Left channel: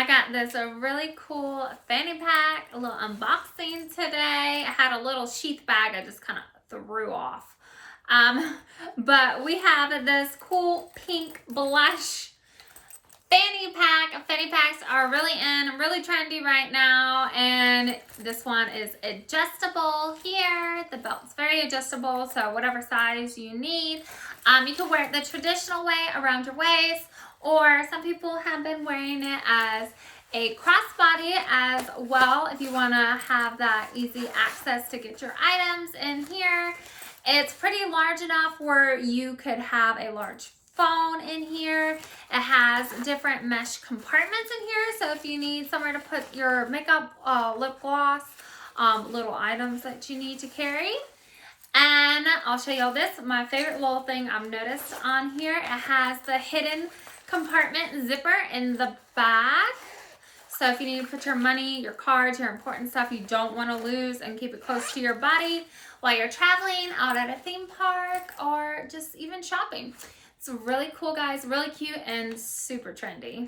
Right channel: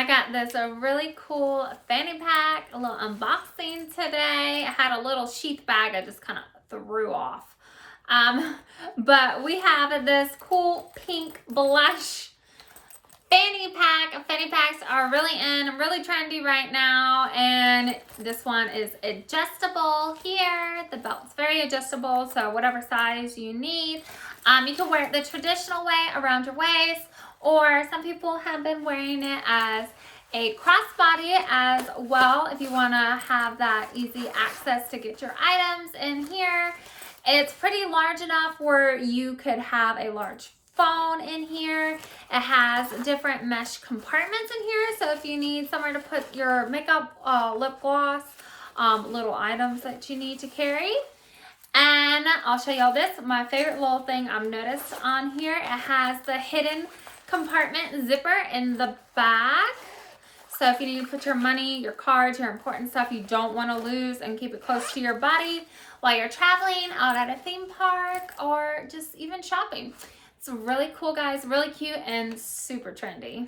I got this a really cool fanny pack, a little unboxing today. I had a little sheath bag I just kind of threw off. But we have this cool pink blush fanny pack. Fanny packs are really really trendy right now, and this one is adjustable here. The belt's very adjustable, so whatever size you need. You can wear it the traditional way around your waist, or some people have been wearing it as a crossbody as well if you want to have that easy access to get your items in here. It's pretty large enough where you could have a large phone in here. It has different mesh compartments in here, so if you need somewhere to put your makeup, lip gloss, little items that you need to carry. And I'll show y'all this, my favorite little thing I've noticed on here. It has the hidden compartment zipper in the back. So if you need to put your money, your cards, your important stuff you don't want to lose and keep it close to your body while you're traveling out at a theme park or just even shopping. It's really cool, guys, really cute and super trendy.